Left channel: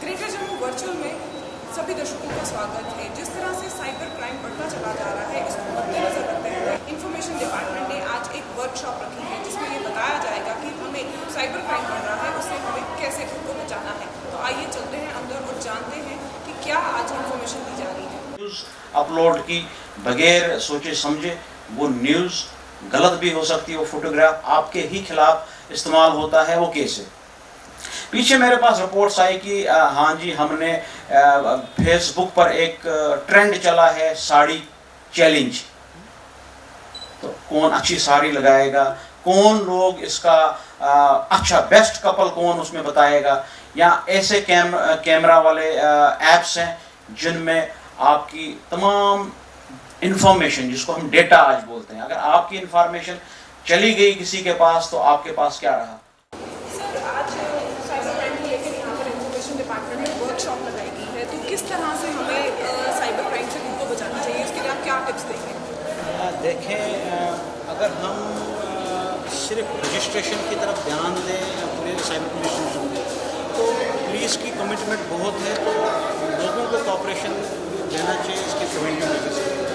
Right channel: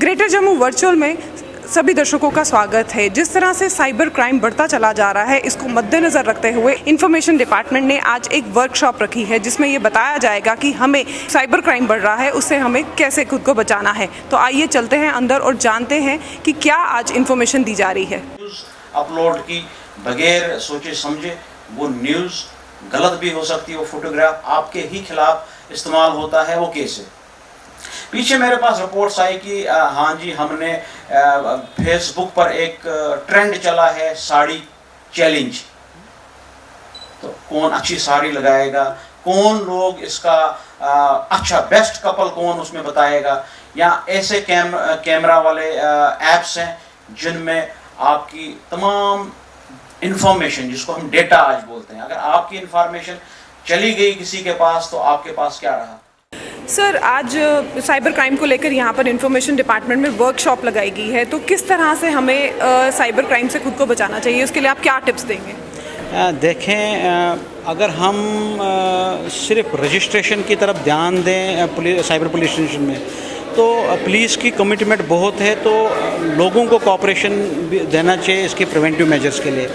Greater Jammu virtual में सभी दर्शकों का स्वागत है। जिस तरह से साइबर क्राइम बढ़ता चला जा रहा है, इसको मद्देनज़र रखते हुए इंफॉर्मेशन डिपार्टमेंट ने आज एक वर्कशॉप रखी है जिसमें ये बताया जाएगा कि हमें साइबर क्राइम बढ़ रहा है, उससे हमें कैसे खुद को बचाना है। तो आइए चलते हैं अंदर और जानते हैं कि क्या आज इंफॉर्मेशन दी जा रही है। अपलोड की बगैर सोचे समझे वो न्यूज़ गलत भी हो सकती है, वो फोटोग्राफ आपके ही खिलाफ इस्तेमाल होता है, वो कैसे। पीछे मेरे पास रिपोर्ट्स आई कि हाँ जी, हमने फेसबुक पर एक ट्रेंड चला है साड़ी चैलेंज। तो कौन अच्छी साड़ी लगाएगा, कौन लोग इसका अच्छा बेस्ट कपल कौन उसमें बताएगा, या ऐसे कैमरा वाले ऐप्स हैं जिनमें आपकी तमाम इंफॉर्मेशन, जिसको हम डेटा आज बोलते हैं, अगर आपकी इंफॉर्मेशन चली गई किसी के पास तो आपके पास क्या रहा। सर, आज साइबर क्राइम को लेकर यहाँ पर इंफॉर्मेशन डिपार्टमेंट में वर्कशॉप लगाई गई है, तो किस तरह से हमें साइबर क्राइम से खुद को बचाना चाहिए, उसके लिए आप क्या टिप्स देंगे? देखें, अगर हम सिर्फ रजिस्ट्रेशन की तरफ ध्यान दें साइबर पुलिस स्टेशन में, तो पुलिस की कमिटमेंट बहुत है, तो लोगों को कोऑपरेशन देना चाहिए इसके प्रिवेंटिव मेजर्स के लिए।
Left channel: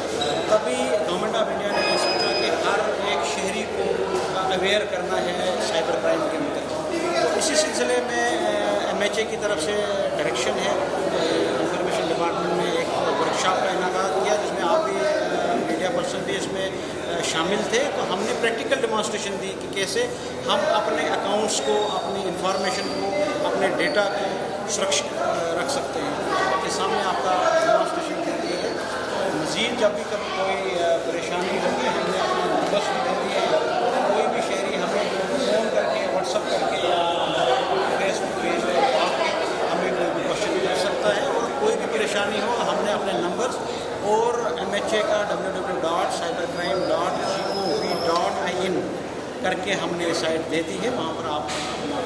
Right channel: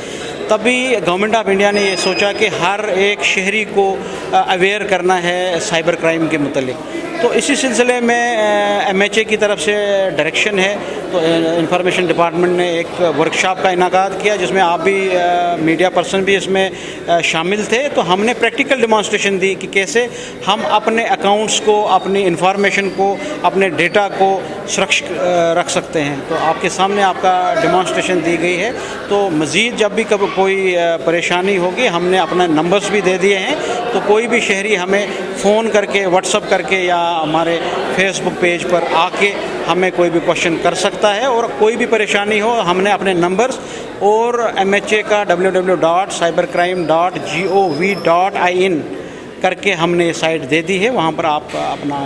तभी गवर्नमेंट ऑफ इंडिया ने ये सोचा कि हर एक शहरी को अवेयर करना है साइबर क्राइम के मुतालिक। तो इसी सिलसिले में MHA की तरफ से डायरेक्शन है, तो इंफॉर्मेशन डिपार्टमेंट ने एक वर्कशॉप का इनाकाद किया जिसमें आप भी मीडिया पर्सन भी इसमें शामिल थे। तो हमने प्रैक्टिकल डेमोंस्ट्रेशन दी कि कैसे हम अपने अकाउंट्स को, अपनी इंफॉर्मेशन को, अपने डेटा को सुरक्षित रख सकते हैं। तो आपके सामने आपका डेमोंस्ट्रेशन दी गई है। तो मज़ीद जब भी कभी कोई परेशानी होगी, हमने अपना नंबर्स भी दे दिए हैं, तो कोई भी शहरी हमें फ़ोन करके, व्हाट्सअप करके या हमारे फेसबुक पेज पर आके हमें कोई भी क्वेश्चन कर सकता है। और कोई भी परेशानी हो, हमने अपने नंबर्स और MHA का www.cybercrime.gov.in करके हमने साइट दे दी है, वहाँ पर आप अपना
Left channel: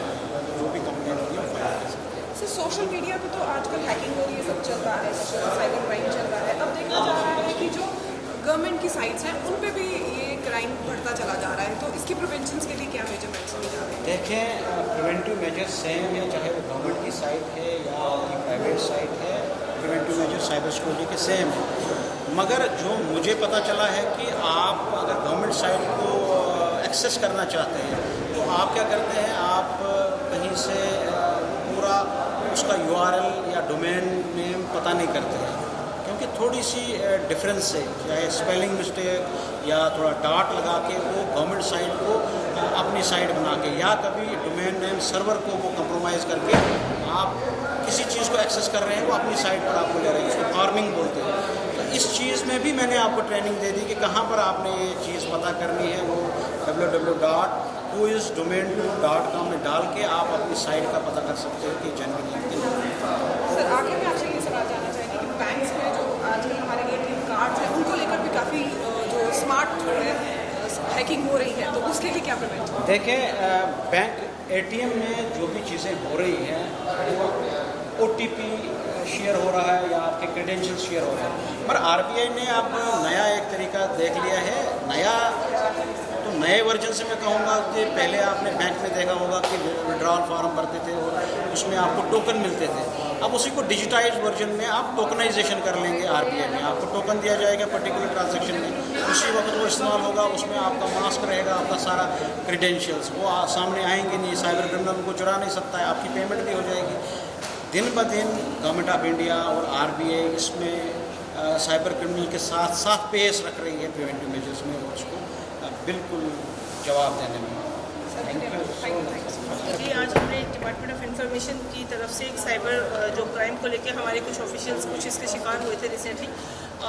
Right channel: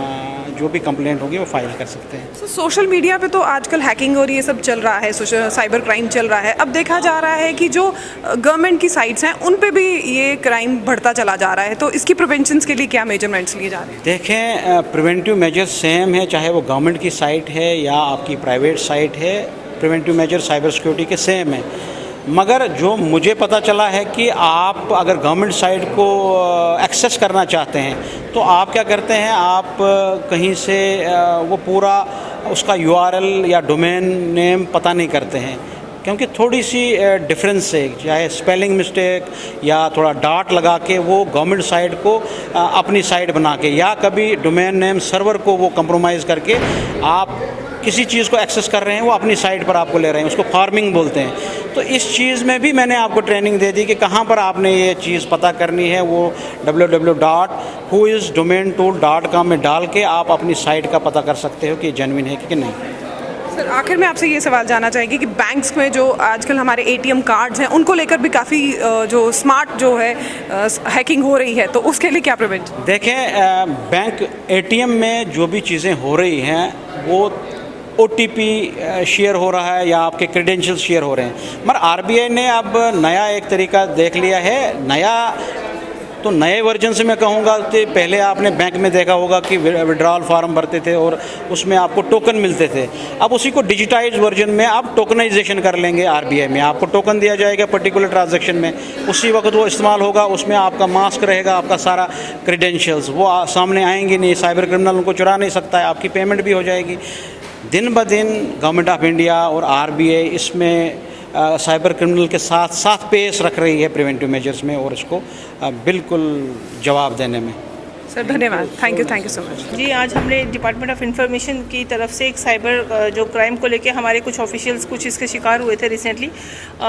जो भी कंप्लेंट होगी वो फाइल कर सकते हैं। सोशल मीडिया पे तो आजकल हैकिंग और ये सब चल रहा है, साइबर क्राइम चल रहा है। अब देखा जा रहा है कि जो गवर्नमेंट की साइट्स हैं उन पे भी ये क्राइम बढ़ता चला जा रहा है, तो इसकी प्रिवेंशन के लिए क्या मेजरमेंट्स लिए जा रहे हैं? देखें, प्रिवेंटिव मेजर्स सेम है, चाहे वो गवर्नमेंट की साइट है या आपकी प्राइवेट साइट है। प्रिवेंटिव मेजर साइबर सिक्योरिटी के सेम है, मगर जो मुझे पता चला है कि आप अगर गवर्नमेंट साइट को एक्सेस करना चाहते हैं तो आप क्या करते हैं, आप कहीं से वो पूरा उसका URL या डोमेन नेम पता नहीं करते हैं, क्योंकि थोड़ी सी डिफरेंस है, चाहे स्पेलिंग मिस्टेक या थोड़ा डॉट लगा के वो गवर्नमेंट साइट को अपनी साइट बना के, या कभी डोमेन नेम सर्वर को वो कंप्रोमाइज़ करके आप किसी चीज़ को एक्सेस कर रहे हैं, वो अपनी साइट पर आपको ले रहे हैं, उसको फार्मिंग बोलते हैं। तो इस चीज़ में भी मैंने आपको ट्रेनिंग दे दी कि कहाँ पर आपने ये चीज़ पता करनी है। वो www.whoisdomaintool.com में डाल के आप अपनी साइट का पता कर सकते हो कि जेन्युइन है कि नहीं। सर, आखिर में आपसे ये सवाल जानना चाहेंगे कि बैंक्स में जो आजकल हमारे ATM कार्ड्स हैं उनको लेकर भी काफ़ी जो स्मार्ट जो है हैकिंग हो रही है, तो उसके लिए क्या प्रिवेंशन? देखें, बैंक ATM में जो भी चीज़ें हो रही हैं वो OTP शेयर हो रहा है या आपके क्रेडेंशियल्स शेयर हो रहे हैं, मगर RBI ने अब नया एक तरीका देख लिया है। तो नए वर्जन से मैं कहूँगा कि पहले आपने बैंक में देखा होगा कि विड्रॉल फार्म भरते थे और उसमें आपको टोकन मिलते थे। अब उसी को डिजिटाइज वर्जन में आप टोकनाइजेशन कर लेंगे। RBI में आपको टोकन दिया जाएगा पर्टिकुलर ट्रांजैक्शन में, उसी वक्त वो इस्तेमाल होगा, उसमें आपका मास्क रहेगा, आपका सारा क्रेडेंशियल्स वो सामने आएंगे नहीं, साइबर क्रिमिनल उनको चुरा नहीं सकता है, आपकी पेमेंट भी हो जाएगी। दिन ब दिन गवर्नमेंट ऑफ इंडिया और RBI इसमें साइबर क्रिमिनल के साथ साथ पेश रख रही है प्रिवेंटिव मेजर्स में और इसको बिल्कुल जवाब देने में। सर, धन्यवाद, थैंक यू सो मच। जी, आज हमने डिपार्टमेंट ऑफ इंफॉर्मेशन की तरफ से एक साइबर जो क्राइम को लेके हमारे कुछ ऑफिशियल्स कुछ इसके शिकार हुए थे रिसेंटली,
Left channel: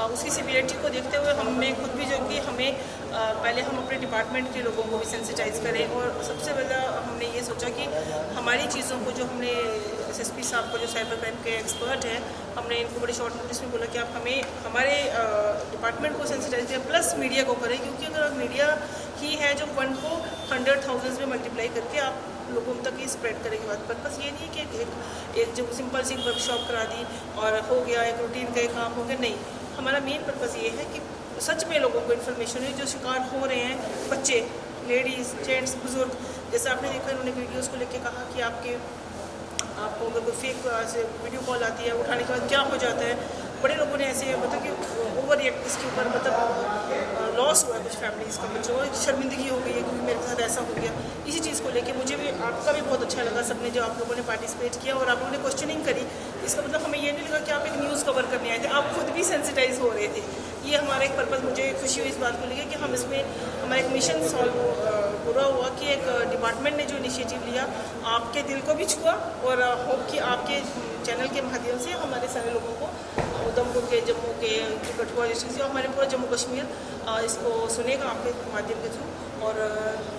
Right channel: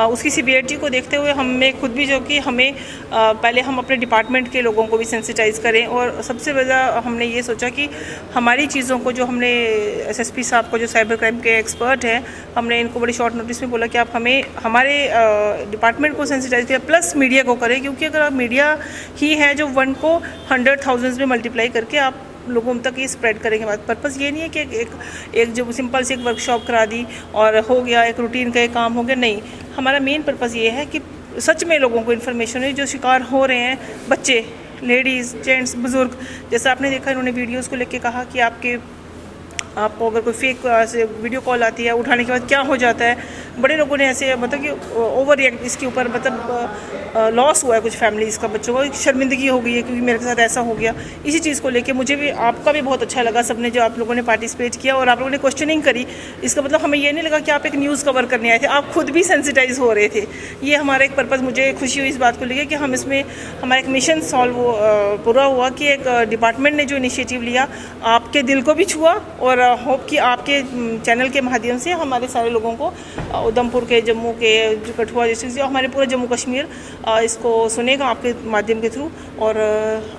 उसकी सीवियरिटी को देखते हुए हमें खुद भी जो कि हमें पहले हम अपने डिपार्टमेंट के लोगों को भी सेंसिटाइज करें, और सबसे ज़्यादा हमने ये सोचा कि हमारी चीज़ों को जो हमने SSP साहब को जो साइबर क्राइम के एक्सपर्ट हैं, हमने इनको बड़ी शॉर्ट नोटिस में बोला कि आप हमें हमारे डिपार्टमेंट को सेंसिटाइज करें प्लस मीडिया को करें, क्योंकि अगर आप मीडिया ही है जो 1 को 100,000 में मल्टीप्लाई करके आप लोगों तक ये स्प्रेड करेंगे। बात पर्पज़ ये नहीं है कि एक जो सिंपल सी एक वर्कशॉप करा दी और हो गया, एक रूटीन का एक काम हो गया, नहीं। हमारा मेन पर्पज़ ये है कि सच में लोगों को इन्फॉर्मेशन है, जो शिकार हो रहे हैं, बच्चे, लेडीज़, जेंट्स, बुज़ुर्ग, जैसा आपने देखा इन्होंने वीडियोज़ को लेके कहा कि आपके आपको अगर कोई फेक ऐसे वीडियो कॉल आती है, उठाने के बाद क्या हो जाता है। बड़े लोगों ने ऐसे मतलब कि ओवर रिएक्ट इसके ऊपर, मतलब लॉस हुआ है कुछ फैमिलीज़ का, बच्चों को शर्मिंदगी हो गई है क्योंकि मेरे साथ ऐसा हो गया। इसी चीज़ को लेके मुझे भी, आपका भी बहुत अच्छा लगा सबने जो आप लोगों ने पार्टिसिपेट किया और आप लोगों ने क्वेश्चनिंग करी। इसका मतलब हमें ये नहीं लगा कि आप एक न्यूज़ कवर करने आए थे, आप खुद भी सेंसिटाइज हो रहे थे। ये हमारा एक पर्पज़, मुझे खुशी हुई इस बात को लेके कि हम इसमें हमारा एक मिशन सॉल्व पूरा हुआ कि एक डिपार्टमेंट ने जो इनिशिएटिव लिया आपके दिल को भी छुआ, और होप कि आपके चैनल के माध्यम से हमारे सारे लोगों को उधमपुर के, जम्मू के, जो कठुआ डिस्ट्रिक्ट से, हमारे पूरा जम्मू कश्मीर इसको सुनेगा आपके माध्यम के थ्रू, और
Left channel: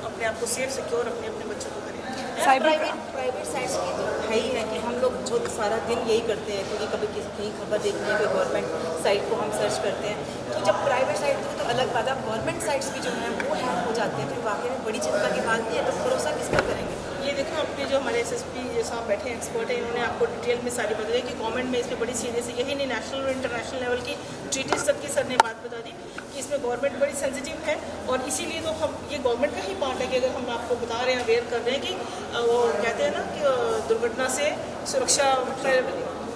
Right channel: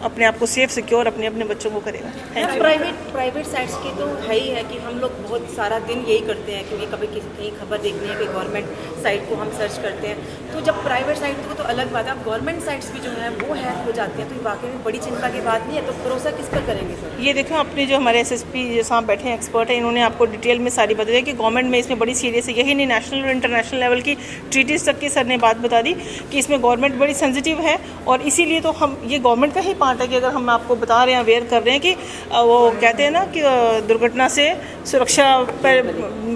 अपने आप को सेफ सिक्योर अपने अपने बच्चों को करेगा। प्राइवेट साइट्स की तो है ही है कि हम लोग बहुत सारा दिन यही करते हैं, क्योंकि कभी किसी कहीं खबर देखनी है, कोई गवर्नमेंट साइट को हम सर्च करते हैं। तो जब प्राइवेट साइट हो तो अलग बात है, अब गवर्नमेंट साइट्स भी जो है वो हैक हो जाती है, तो वाकई में बड़ी चिंता की बात नहीं है। तो भरोसा किस पर करेंगे? ये देखो, अपने जो हमारे SSP जो साहब बैठे हैं, एक्सपर्ट हैं, इन्होंने आपको डिटेल में सारी बता दी कि गवर्नमेंट में इसमें बड़ी सीरियस है। यही नहीं, नेशनल और इंटरनेशनल लेवल की ट्रीटीज तक की सर ने बात बता दी कि इसमें गवर्नमेंट बड़ी सेंसिटिव है, और इसीलिए तो हम, ये गवर्नमेंट का ही पार्ट है कि अगर हम आपको बता रहे हैं, अवेयर कर रहे हैं कि वो कहते हैं ना कि दुर्घटना से सुरक्षा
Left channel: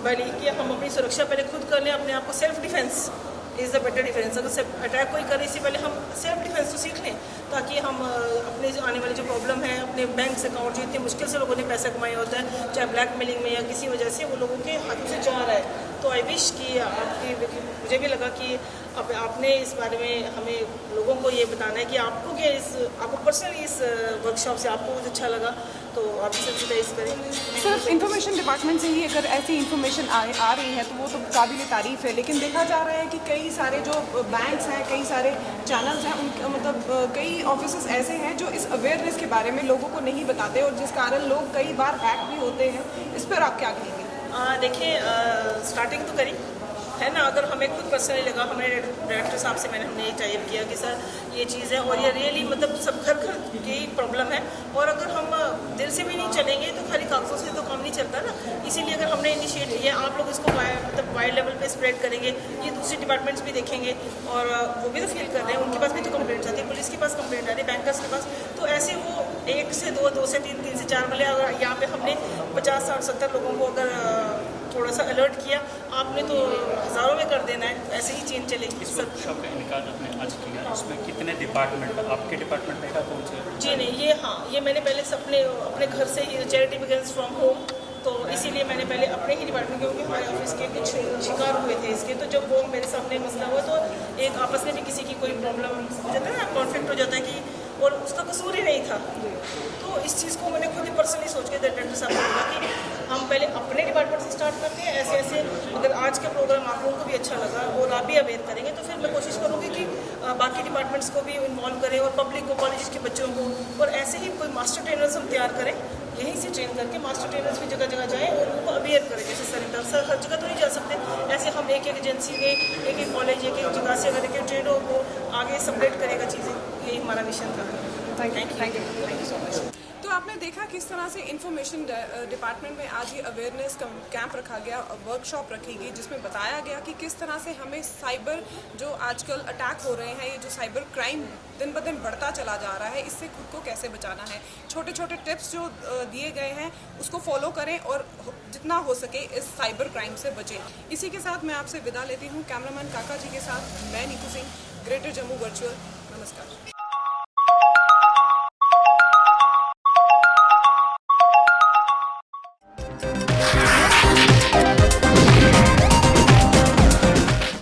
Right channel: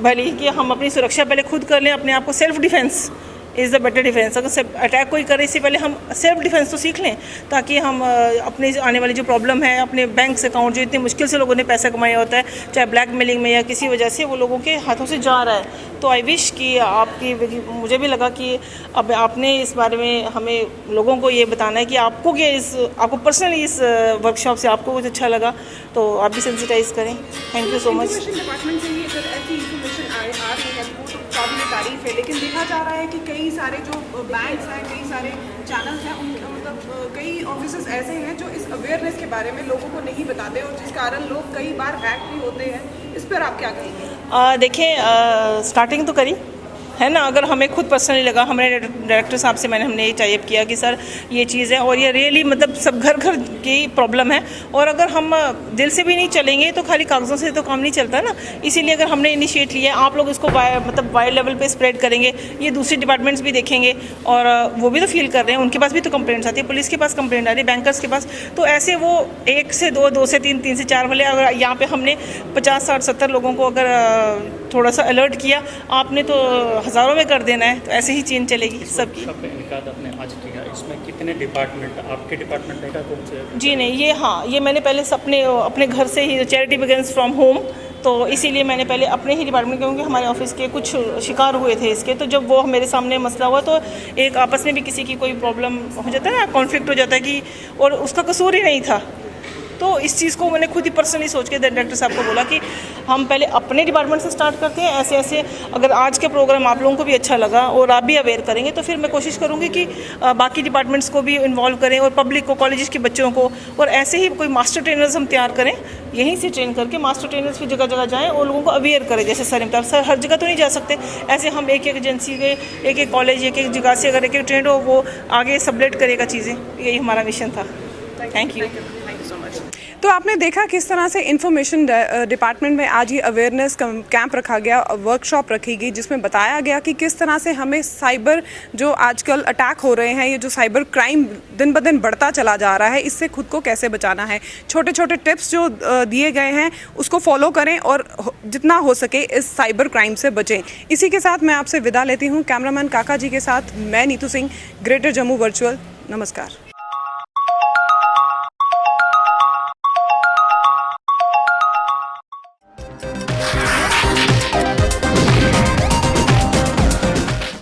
भली, कि हम अपनी सुरक्षा पहले खुद कर लें, अपने आप को self defence is the better defence. अगर अटैक कोई करे इससे पहले हम सेल्फ डिफेंस तो सीख लें, ताकि हम अपने आने वाली जो प्रॉब्लम है, अपने बैंक अकाउंट जो इतनी मुश्किल से लोगों ने पैसा कमाया होता है, चाहे ब्लैकमेलिंग में या किसी वजह से वो लोगों के हाथों से जा रहा है। तो आई विश कि आपकी, मुझे भी लगा कि अब आपने इस बारे में हमें लोगों को ये बताना है कि आपको आपको पर्सनली इस वर्कशॉप से आपको कुछ अच्छा लगा, तो आप भी सेंसिटाइज करें। Thank you so much. Information department से ही अगर ऐसी इंफॉर्मेशन आ रही है तो वो तो काबिल तारीफ है, लेकिन देखा जा रहा है कि कई सारे जो बैंक्स हैं, कई सारे चैनल्स हैं, उनके मतलब कई ऑफिसेस ऐसे हैं जो इस अवेयरनेस के बारे में लोगों को नहीं बताते, और जिस कारण लोग कई बार हैक भी होते हैं। इस पर आप क्या कहेंगे? देखिए, स्टार्टिंग तो करी है ना। अगर हमें खुद पर्सनली लगा, हमारे डायरेक्टर साहब से मैंने हमने ये टाइप किया कि सर ये चीज़ है, और ये रियली मतलब सब घर घर की प्रॉब्लम है, और अगर हम दिल से भी नहीं चलेंगे तो खाली कागज़ों से तो काम नहीं चलता ना। इसीलिए अगर हमने इनिशिएट लिया, आप लोग इसको मतलब वाइड लेवल पे स्प्रेड करेंगे, ये दूसरे डिपार्टमेंट्स भी देखेंगे, और वो भी तो फील कर रहे हैं, उनके पास भी तो कंप्लेंट्स आती है, पुलिस के पास कंप्लेंट आ रही है, बैंकर्स के पास। तो ऐसे वो 1 से 2, 2 से 3, 3 से 4 वाले, अगर यहाँ पे हमने 50, 60, 70 लोगों को अगर थोड़ा सा अलर्ट किया, आपने तो हज़ारों में कर देना है। तो ऐसे ही चेंज चलेगी सबकी। इसमें कितने डिपार्टमेंट, आपके डिपार्टमेंट में कौन से? जी नहीं, ये हाँ, ये मैंने पहले अपने घर से ही, चैरिटी बिगिंस फ्रॉम होम, तो इसीलिए मैंने पहले अपने ही डिपार्टमेंट, क्योंकि हमारे ऑफिस के कुछ शिकार हुए थे इसके, तो जब वो मेरे सामने मसला हुआ तो एक आपस में भी किसी की कोई प्रॉब्लम हो जाता है ना, कॉन्फ्लिक्ट हो जाता है कि, और उसका कसूर ही नहीं था। तो इस चीज़ को मैंने खुद ही पर्सनली सोच के डायरेक्टर साहब को बोला कि हम पहले अपने डिपार्टमेंट से स्टार्ट करते हैं। ऐसे ऐसे अगर आज का प्रोग्राम आप लोगों को भी अच्छा लगा और आप भी अवेयर करेंगे, तो फिर मैं कोशिश करूँगी कि बाकी डिपार्टमेंट्स को भी इन्वॉल्व करें, और पब्लिक को, कॉलेजेस के बच्चों को, और ऐसे ही कोई मास्टर ट्रेनर्स हम तैयार करें, यहीं से ट्रेन करके मास्टर ट्रेनर्स भी जगह जगह जाएँ और लोगों को अवेयर करें। जैसे सर हर जगह तो नहीं जा सकते, ऐसे हम एक एजेंसी के, एक कॉलेज, एक जगह से अगर एक ट्रेंड हो, वो आगे सबलेट करेगा चीज़ें। यही हमारा मिशन था। Thank you. तो आपने देखा किस तरह से इंफॉर्मेशन डिपार्टमेंट में आज ये अवेयरनेस कैंप रखा गया, वर्कशॉप रखी गई, जिसमें बताया गया कि किस तरह से हमें साइबर जो आजकल अटैक हो रहे हैं, ये जो साइबर क्राइम दिन ब दिन बढ़ता चला जा रहा है, इससे खुद को कैसे बचाना है। छोटे छोटे टिप्स जो दिए गए हैं उसको फॉलो करें और जितना हो सके इस साइबर क्राइम से बचें। इसी के साथ मैं आपसे विदा लेती हूँ। कैमरामैन काका जी के साथ मैं नीतू सिंह, ग्रेटर जम्मू वर्चुअल। नमस्कार।